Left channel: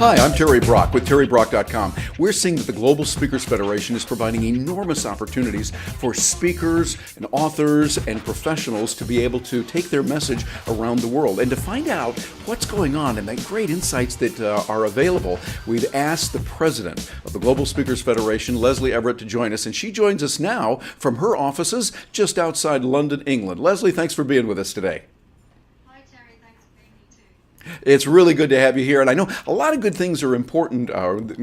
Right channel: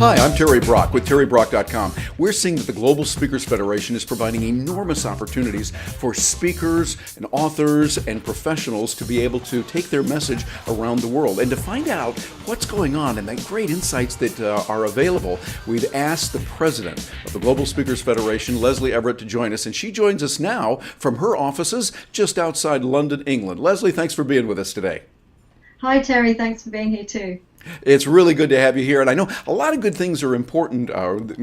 Hi, I'm Terry Brock with TerryBrock.com. We're seeing that the Global Speakers Federation is providing enormous opportunities for speakers and authors and professionals to be able to take their message around the world. And to find out what's going on and the great insights that are available, we've asked the president of the Global Speakers Federation, Lesley Everett, to join us. And she joins us now from her offices just outside London, England. Lesley, thanks for being with us today. Hi, Terry. Thanks for being here too. It's really good to have you here. And I know a lot of good things are important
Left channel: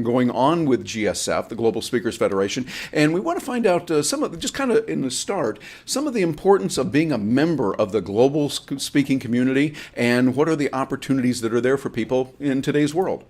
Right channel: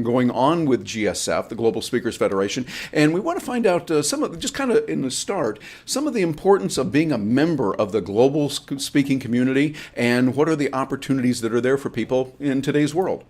going on with GSF, the Global Speakers Federation. And we want to find out some of, just kind of in the start, some of the importance of being a member of the global speaking community and what are the opportunities that are there for people in today's world.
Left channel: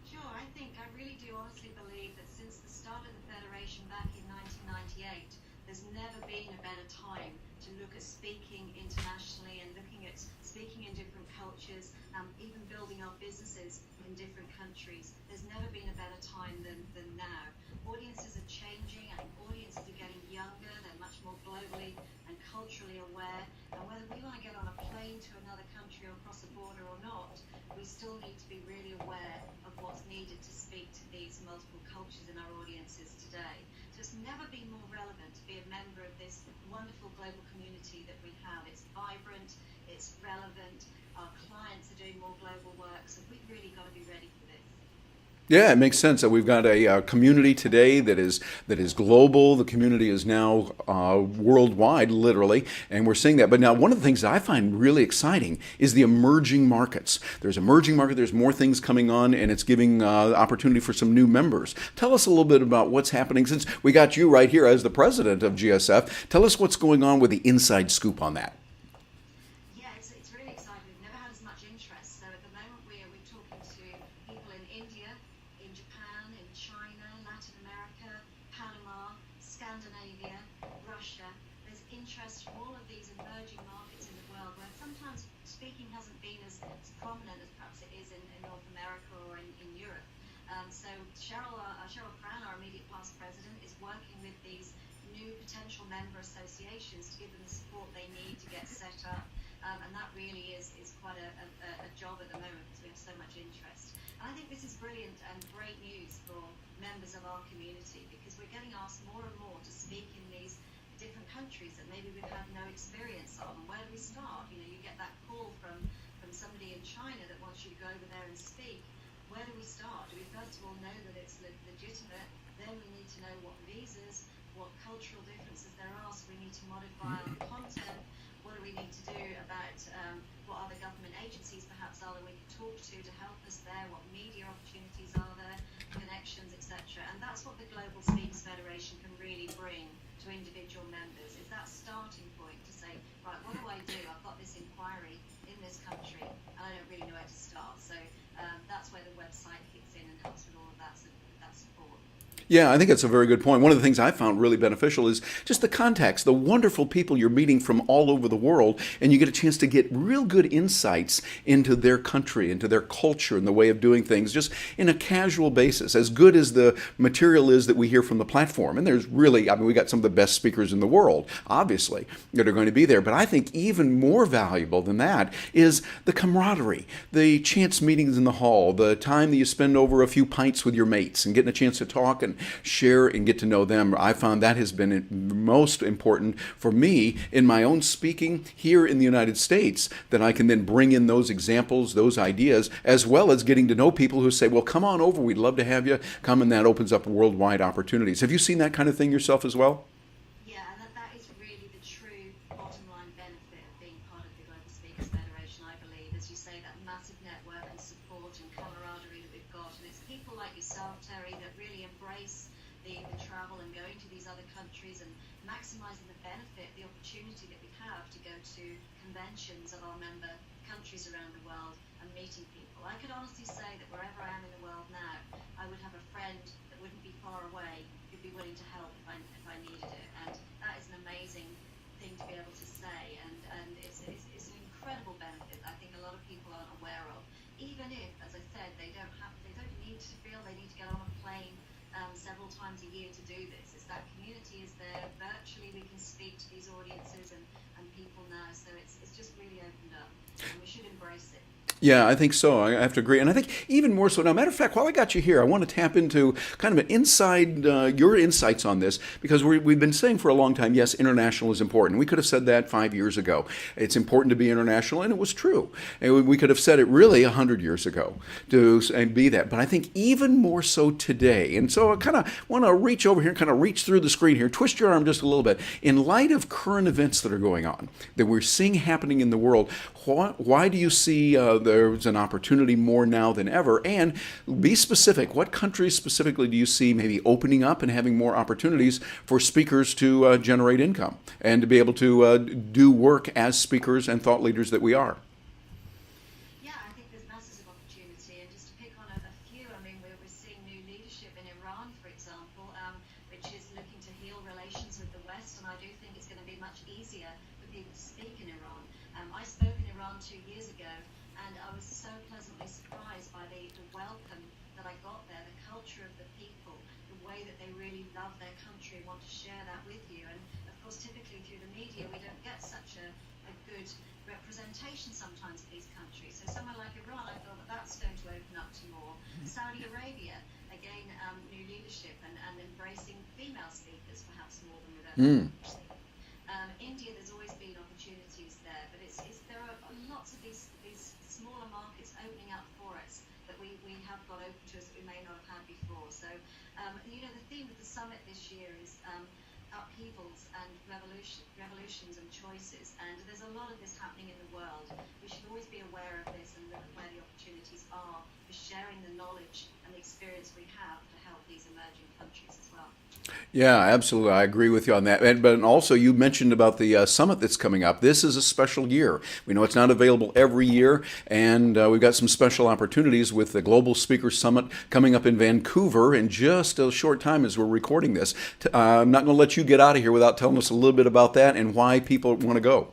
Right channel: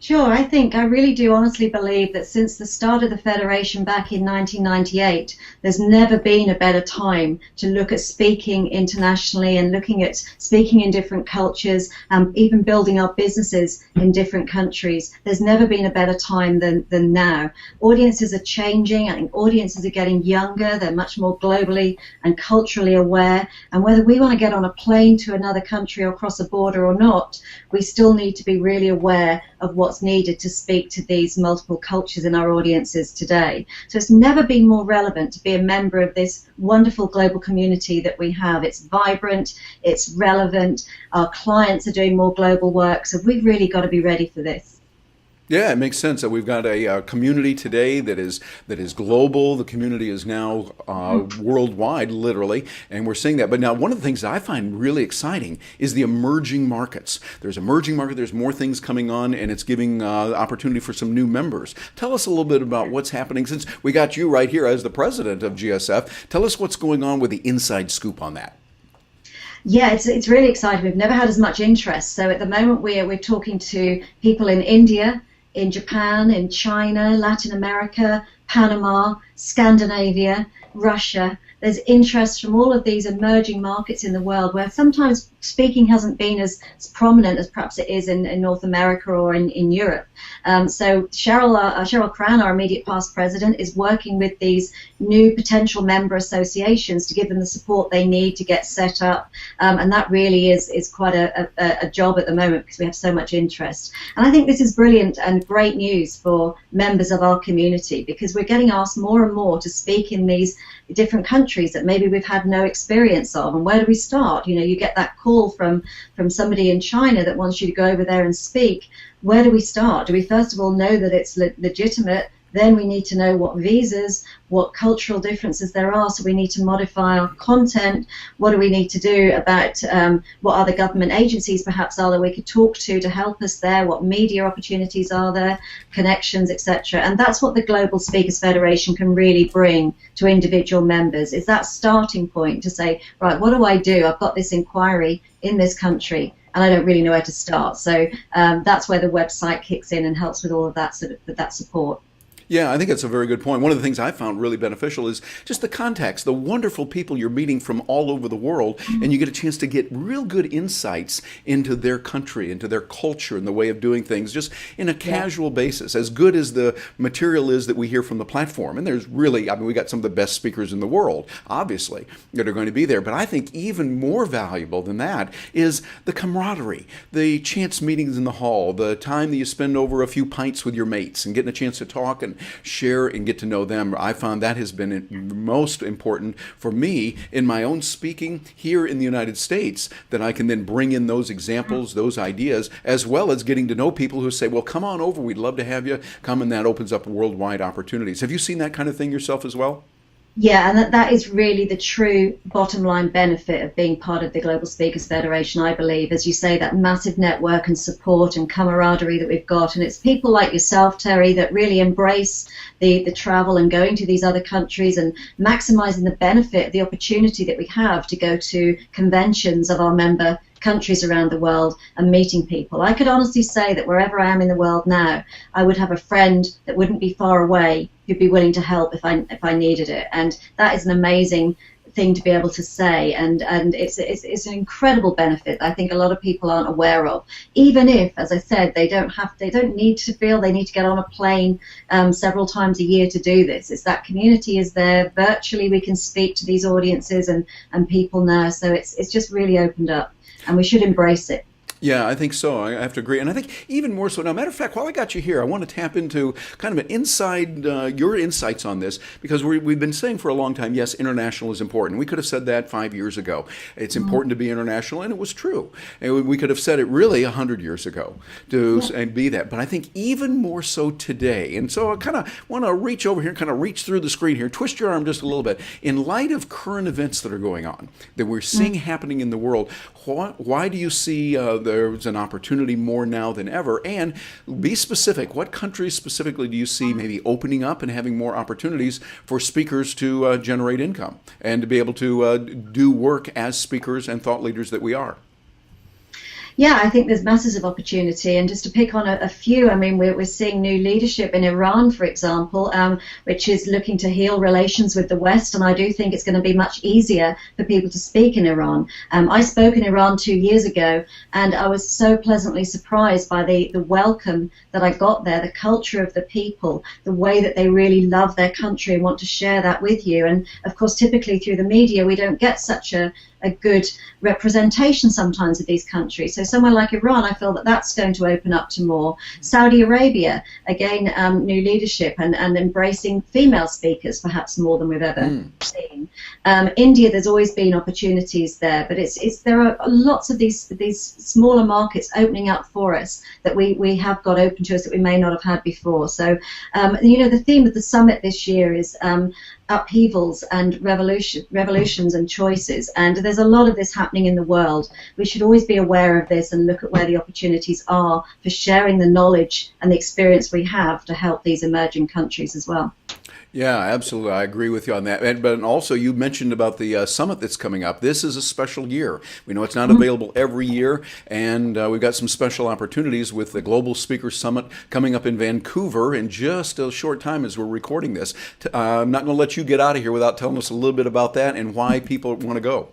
Sure, I really do honestly believe that since the start of the Federation back in 1998, there's never been a better time to look at speaking internationally and looking at speaking in different cultures, even building our businesses in different countries. There's never been a better time than now. Audiences are changing. I think audiences are getting younger. They're much more globally and culturally aware. And whether we want to get on a plane to another country or cross a border or not, we still need to be really aware of what's needed to speak to these multiple cultures in our audiences today. So it's never been more relevant to be a member of this wonderful global community that we have. It's vibrant, it's relevant, our clients are doing more global work, so we've really got to be ready for this. Yeah, it makes sense that we've got a community today that is global. The community is now worldwide, literally, and we're seeing that. But now, one of the things that I find really exciting is the emerging markets. There's emerging market. There's more things coming on, and it's giving opportunity for some new members. Tell us a little bit about what's happening since we got you right here as the president of GSF. Tell us what's going on with the inside scoop on that. Yeah, it's really exciting. We've never had as much interest. So at the moment, we're talking to people in India, in Japan, in China, Latin America, Panama, Scandinavia, Russia. There's interest from all of these emerging markets in the world where sometimes speaking hasn't been as prominent as perhaps it is in North America or in Europe. So Cheryl Cran, our immediate past president, is working with these new potential member associations to give them the support they need to get set up. And that really is quite a job at the moment because we have so much interest. And I think this is brilliant and great news for members of our community because we're getting asked more and more to speak in these different countries that maybe we've had no experience of. And where do we start? You know, you get that call from somebody in China that wants you to go over there and speak. Where do we start? Do we first of all know that it's legitimate? Then we need to know what visas, what cultural differences there are, so we need to modify our content. What do we need to do about what other government agencies perhaps are that we could talk to help us there, what media opportunities are there, connections, etc. And that's what the Global Speakers Federation can really bring to individual members, is that starting point to say, right, what do I do? I've got this inquiry in this country and I don't really know where to start. So that's where the website kicks in and helps with all of that that support. Yeah, I think that's a very good point. One of the things I found really beneficial is just the contacts, the wonderful people you're meeting from all over the world, and you get a chance to get real good insights into their country, into their culture and the way of doing things, just in a casual basis, as good as the material is that we hear from the platform. And there's really, I mean, we got some of the best speakers in the world, obviously, that are going to be there. But I think even more valuable than that is the camaraderie, the chance meetings in the hall, the time that you spend over a few pints with your mates and getting a chance to talk and share and get to know them. I found that has been most important for me in my own speaking here in the United States, that I can then bring in those examples, those ideas, as well as getting to know people who say, well, come on over, we'd love to have you come, and that opens up worldwide opportunities. Have you seen that kind of thing yourself as well? Yeah, and that is really the true bottom line benefit of being part of the Global Speakers Federation, I believe. As you say, that massive network and support and camaraderie that we've got. And it's people like yourself, Terry, that really embrace the travel and going to these other countries and maximizing the benefit, the opportunity that we have to go to conventions of our member countries around the world and meeting people. I could honestly say that wherever I am in the world now, I would have a friend that wouldn't be far away who'd be willing to help if I needed it. And that is an amazing thing to be able to say, and it's an incredible benefit that I think a lot of people aren't aware of. Even if, as I said, they don't need to feel they need to get on a plane several times a year to do this. It's that community is there virtually. We can speak to these audiences and people now, so it's just really opened up, and we should embrace it. Yeah, I think so. I have to agree. And I think even more so now, matter of fact, while I got you here, I want to tap into kind of an inside, your insights on this, because we've been saying for a long time, yes, international is important. We could have said that 5 years ago. It's important to be international, and it was true. And we could have said it really 100 years ago and be that. But I think even more so today. And so I kind of want to reach over here, kind of reach through the screen here, twist your arm just a little bit. In light of current events that are going on, that we're seeing happening in the world, why do you see there's an opportunity more now than ever? And be specific. What countries specifically do you see maybe opening up and having more opportunities for speakers to generate income and to be able to do work as speakers and thought leaders that we are? Yeah, I think there's masses of opportunity. And just to pick on a few, I mean, we're seeing new leadership in Iran, for example, which is looking to heal relations with the West. And I do think it's going to be much easier for people to speak in Iran. I spoke in Iran 2 years ago, and I was so pleasantly surprised by the welcome that I got there, the culture of the people, the way that they really love their country and want to share that with you. And of course, typically through the media, we don't get such a good representation sometimes of these countries. So somewhere like Iran, I feel that that's going to open up to more. Saudi Arabia, again, new leadership and embracing female speakers perhaps more than we've ever seen. India, there's always been opportunities there, but there are lots of these smaller markets opening up for us that we have got open to us that we may not have had before. So, the theme of the summit this year is upheavals and revolutions and choices, and there's a lot of this happening in the world. We should always be aware of this and look at where the opportunities are for sharing the knowledge and the experience we have to help these emerging countries as well. Yeah, absolutely. I agree with you on that. But also, you mentioned about the summit that's coming up. This is a special year. We know it's not available every year, and we've got some special opportunities with the Global Speakers Summit coming up in Vancouver in just a short time as we're recording this. I'm not going to let you get out of here without telling us a little bit about that and why people want to go.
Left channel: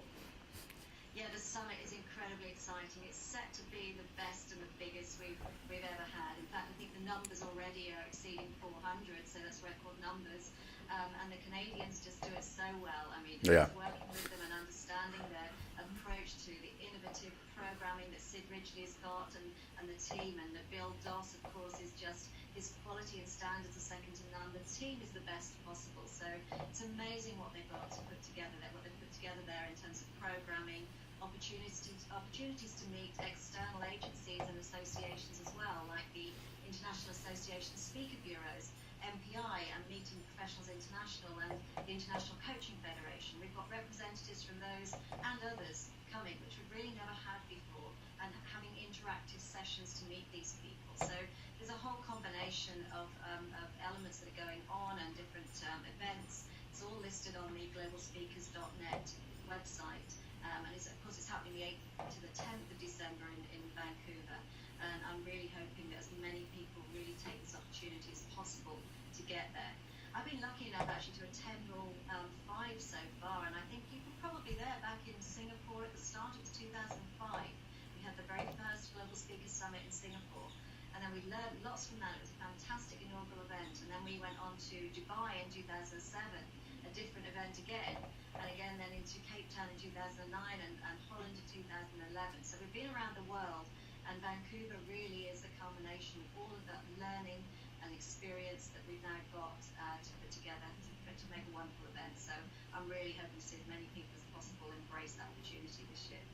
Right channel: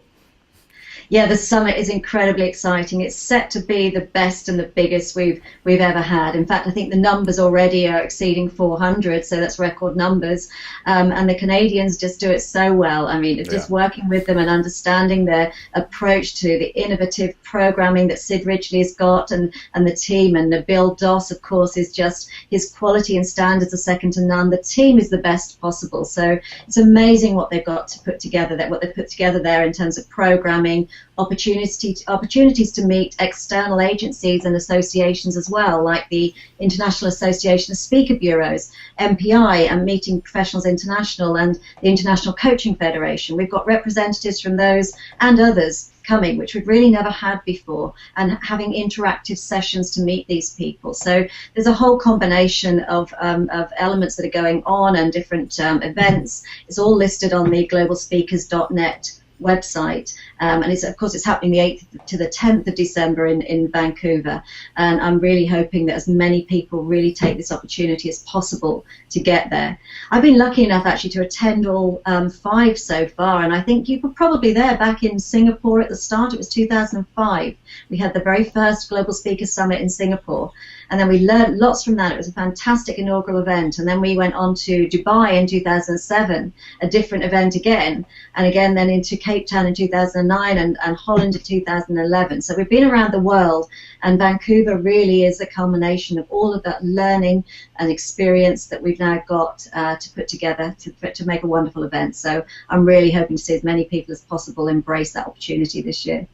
Yeah, the summit is incredibly exciting. It's set to be the best and the biggest we've ever had. In fact, I think the numbers already are exceeding 400, so that's record numbers. And the Canadians just do it so well. I mean, it's just working with them and understanding their approach to the innovative programming that Sid Ridgely has got and the team. And Bill Doss, of course, is just, his quality and standards are second to none. The team is the best possible. So it's amazing what they've got to put together, what they've put together there in terms of programming, opportunities to meet external agencies and associations as well, like the International Association of Speaker Bureaus, MPI, and Meeting Professionals International, and the International Coaching Federation. We've got representatives from those and others coming, which we've really never had before, and having interactive sessions to meet these people. So there's a whole combination of elements that are going on and different events. It's all listed on the globalspeakers.net website, and it's happening the 8th to the 10th of December in Vancouver, and I'm really hoping that as many people really take this opportunity as possible to get there. I've been lucky enough actually to attend all 5 so far, and I think you were probably there back in Singapore at the start. It was 2005. We had the very first Global Speaker Summit in Singapore, and then we learned lots from that. It was a fantastic inaugural event. And then we went on to Dubai in 2007, a different event again. And again, then into Cape Town in 2009 and Holland in 2011. So we've been around the world. And Vancouver really is a culmination of all of that learning and experience that we've now got to put together to make a wonderful event. So I'm really hoping to see as many people as possible embrace that opportunity this year.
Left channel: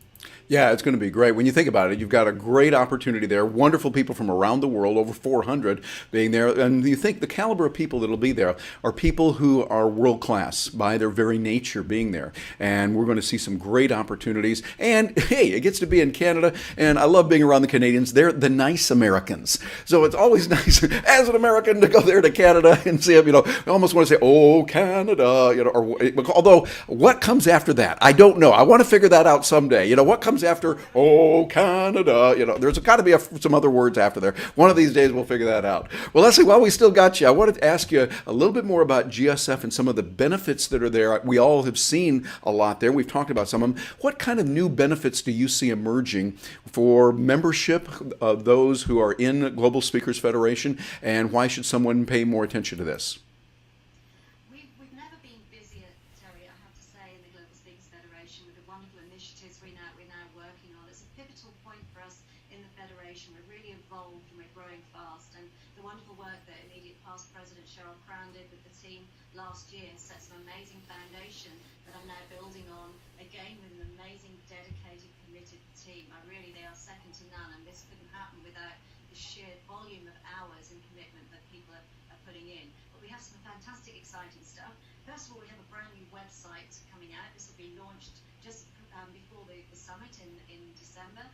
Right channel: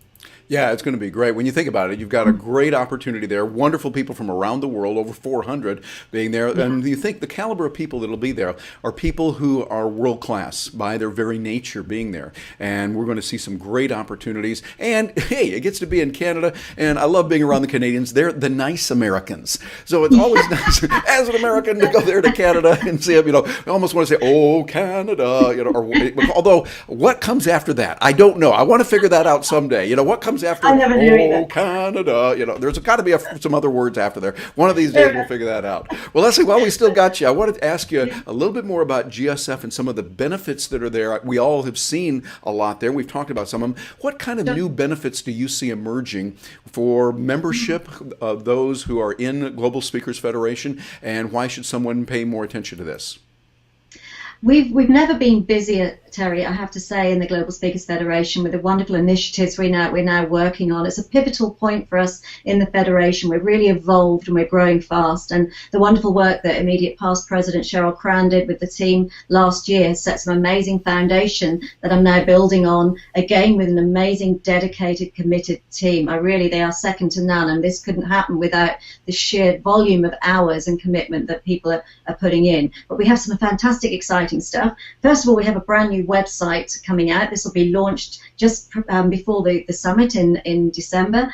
Yeah, it's going to be great. When you think about it, you've got a great opportunity there. Wonderful people from around the world, over 400 being there. And you think the caliber of people that'll be there are people who are world class by their very nature being there. And we're going to see some great opportunities. And hey, it gets to be in Canada. And I love being around the Canadians. They're the nice Americans. So it's always nice as an American to go there to Canada and see them. I almost want to say, oh, Canada. Although what comes after that, I don't know. I want to figure that out someday. What comes after, oh, Canada, there's got to be some other words after there. One of these days we'll figure that out. Well, Lesley, while we still got you, I wanted to ask you a little bit more about GSF and some of the benefits that are there. We all have seen a lot there. We've talked about some of them. What kind of new benefits do you see emerging for membership of those who are in Global Speakers Federation, and why should someone pay more attention to this? We've never been busier Terry, I have to say, in the Global Speakers Federation, with the wonderful initiatives we're now working on. It's a pivotal point for us in the Federation. We're really evolved and we're growing fast. And the wonderful work that immediate past President Cheryl Cran did with the team last year has set some amazing foundation that I'm now building on, again, with an amazing, dedicated, committed team. They are second to none. And this couldn't happen without the sheer volume of hours and commitment that people are putting in. But we have some fantastic, exciting stuff. First of all, we have a brand new website coming out. This will be launched just before the summit in December.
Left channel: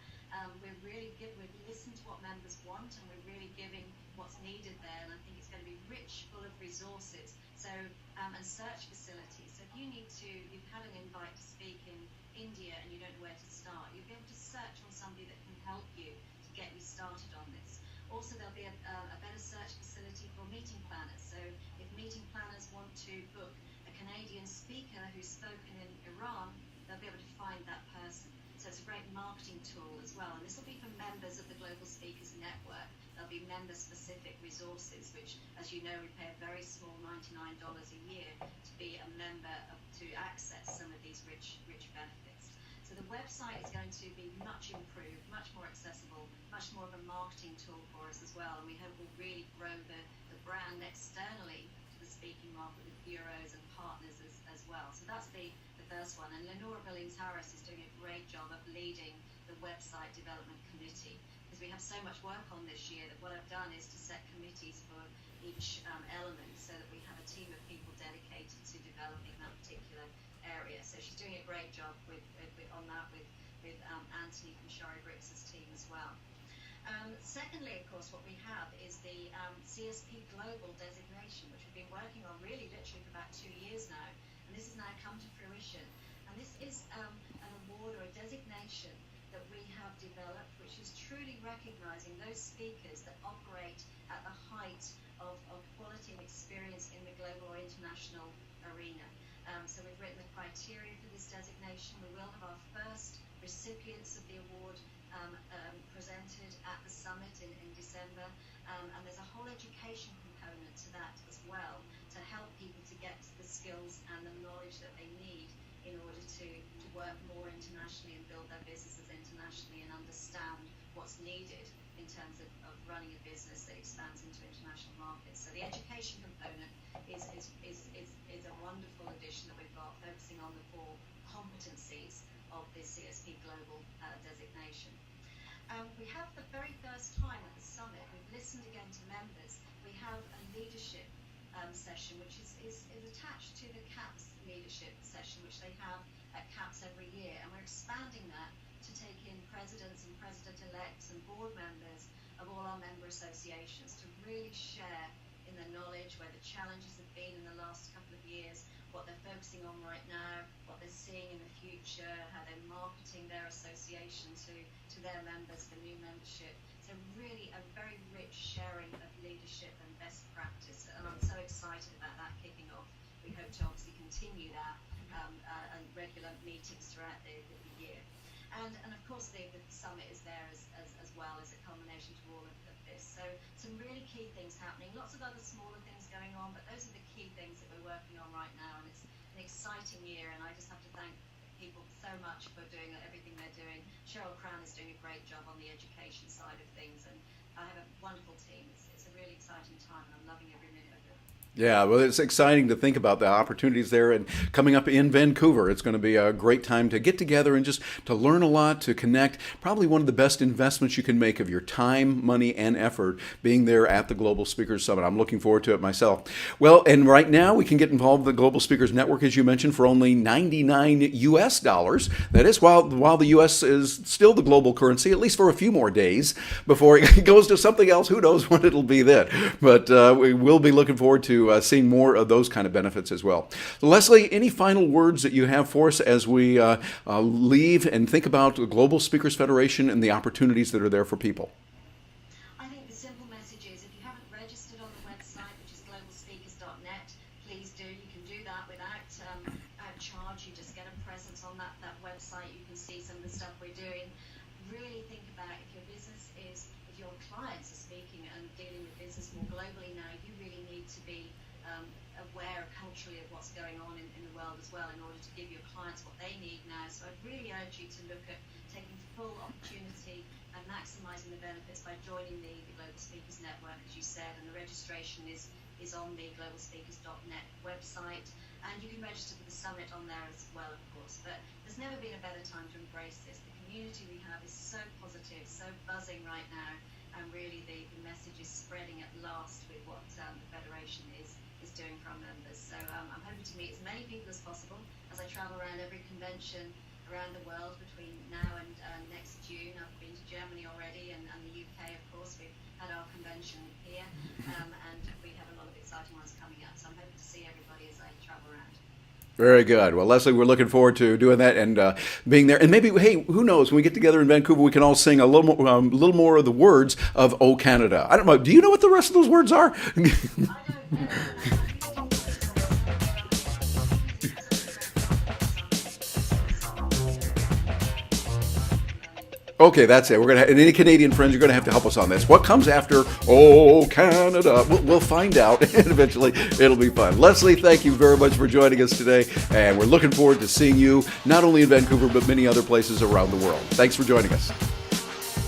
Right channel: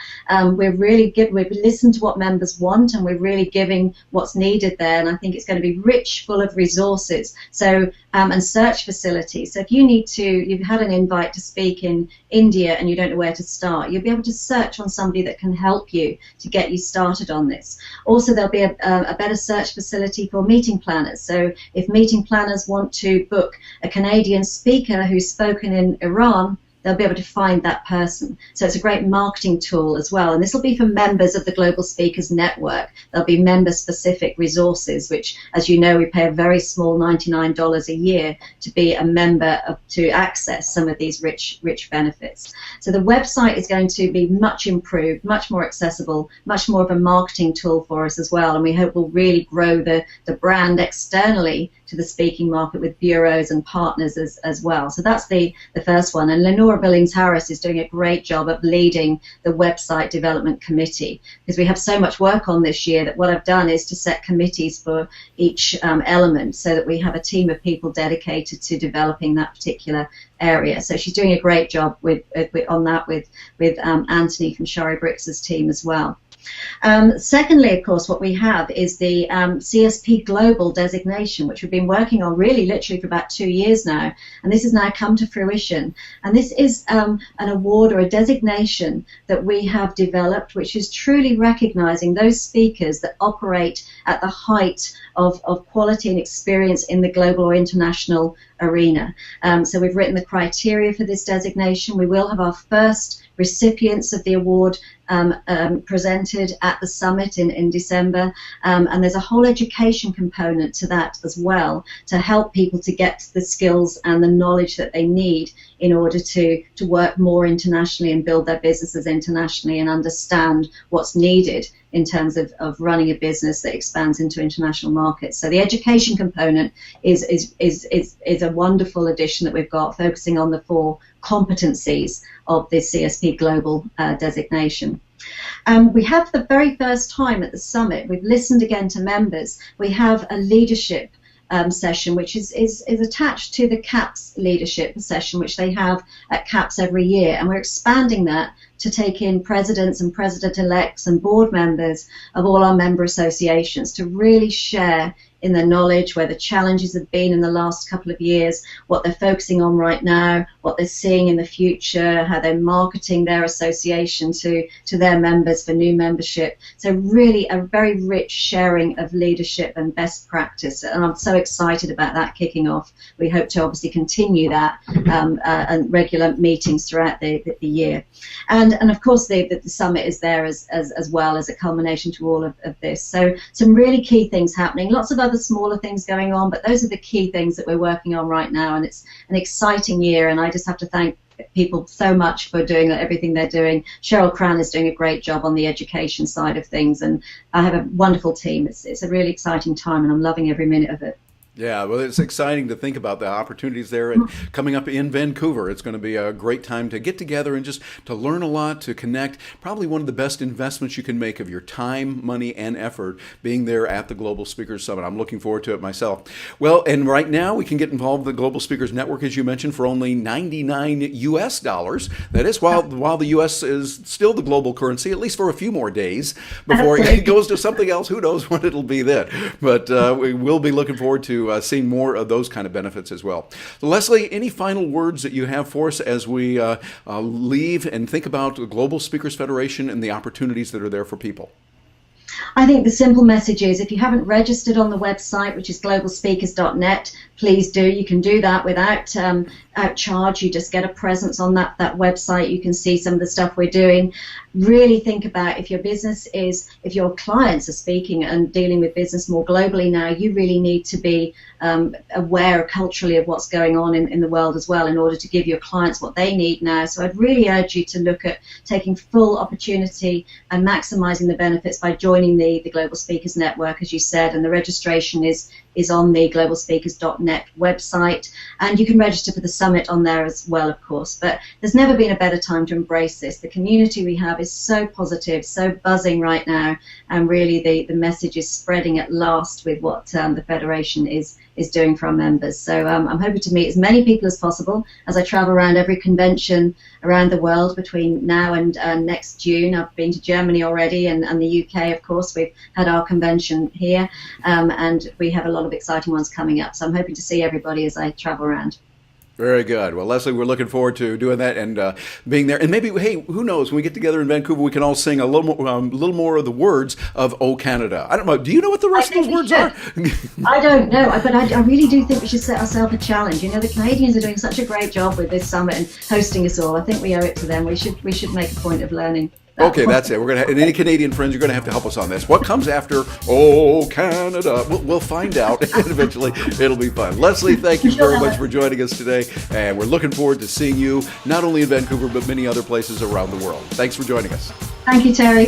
We've listened to what members want, and we're really giving what's needed there. And I think it's going to be rich, full of resources. So and search facilities. So if you've had an invite to speak in India and you don't know where to start, you'll be able to search on somebody that can help you to get you started on this. Also, there'll be a better search facility for meeting planners. So if meeting planners want to book a Canadian speaker who's spoken in Iran, they'll be able to find that person. So it's a great marketing tool as well. And this will be for members of the Global Speakers Network. There'll be member-specific resources, which, as you know, we pay a very small $99 a year to be a member to access some of these rich benefits. So the website is going to be much improved, much more accessible, much more of a marketing tool for us as well. And we hope we'll really grow the brand externally to the speaking market with bureaus and partners as well. So that's the first one. And Lenora Billings-Harris is doing a great job of leading the website development committee, because we have so much work on this year that what I've done is to set committees for each element so that we have a team of people dedicated to developing that particular area. So she's doing a great job on that with Anthony from Shari Brix's team as well. Secondly, of course, what we have is the CSP Global designation, which we've been working on really literally for about 2 years now, and this has now come to fruition. And this is an award or a designation that we have developed, which is truly recognizing those speakers that operate at the height of quality and experience in the global or international arena. So we've written the criteria for this designation. We will have our first recipients of the award presented at the summit in December, and there's a whole education component to that as well, to help people to get the skills and the knowledge that they need in order to work more internationally and build their businesses internationally and understand what's needed in terms of running a business that expands into international markets. So the education component is a wonderful addition that we've got, focusing on the 4 competencies of the CSP Global designation. We have, for the very first time at the summit, we've listened again to members. We have a leadership session, which is attached to the CAPS leadership session, which they have at CAPS every year, and we're expanding that to take in presidents and president-elects and board members of all our member associations to really share in the knowledge where the challenges have been in the last couple of years, what they're focusing on right now, what they're seeing in the future, how they're marketing their association to their members for new membership. So really a very rich sharing of leadership and best practice, and I'm so excited about that kicking off. We hope to obviously continue that and regular meetings throughout the year. And of course the summit is there as well as a culmination to all of this. So some really key things happening, lots of other smaller things going on, but those are the key things that we're working on right now, and it's an exciting year, and I just have to thank people so much for doing everything they're doing. Cheryl Cran is doing a great job on the education side of things, and I have a wonderful team. It's a really exciting time, and I'm loving every minute of it. Yeah, well, it's exciting to think about the opportunities there. And coming up in Vancouver, it's going to be a great time to get together and just to learn a lot, to connect. Probably one of the best investments you can make of your time, money, and effort being there at the Global Speakers Summit. I'm looking forward to it myself. Well, and right now we can get involved with the Global Speakers Network, as you mentioned, for only $99 US. That is, while the US is still the global currency, at least for a few more days before it goes to something else. Who knows what it'll be then? But we will be looking forward to seeing more of those kind of benefits as well. So Lesley, any final words that you have for us as we leave and think about the Global Speakers Federation and the opportunities that are there for people? I think the simple message is, if you haven't registered on the website, which is globalspeakers.net, please do. You can do that without out charge. You just get a presence on that website. You can see some of the stuff we're doing. Really think about if your clients are speaking and dealing with business more globally now, you really need to be aware culturally of what's going on in the world as well in order to give your clients what they need now. So I'd really urge you to look at taking full opportunity and maximizing the benefits by joining the Global Speakers Network, as you said, and the registration is on the globalspeakers.net website, and you can register for the summit on there as well, of course. But there's never been a better time to embrace this. The community we have is so positive, so buzzing right now, and really the message is spreading at last with what the Federation is doing for our members. So I'm hoping to meet as many people as possible as I travel around every convention around the world between now and next June. I've been to Germany already and the UK, of course. We've had our convention here, and we have a lot of exciting ones coming up. So I'm hoping to see everybody as I travel around. Very good. Well, Lesley, we're looking forward to doing that and being there. And maybe, hey, who knows? When we get together in Vancouver, we can all sing a little more of the words of "Oh Canada." I don't know. Do you know what the rest of those words are? I don't know, but I really do think we should set ourselves a challenge. You know, the Canadians are doing such a great job with this summit and hosting us all. I think we owe it to them. We should make a point of learning. Okay, that's it. We're gonna. And any Canadian friends, you're gonna have to help us on this. What comes after "Oh Canada"? We'll find out, and eventually it'll be fun. Lesley, thank you very much for joining us today, and we're looking forward to seeing you not only in Vancouver but many other places around the world. Thanks for joining us. Thank you, Terry.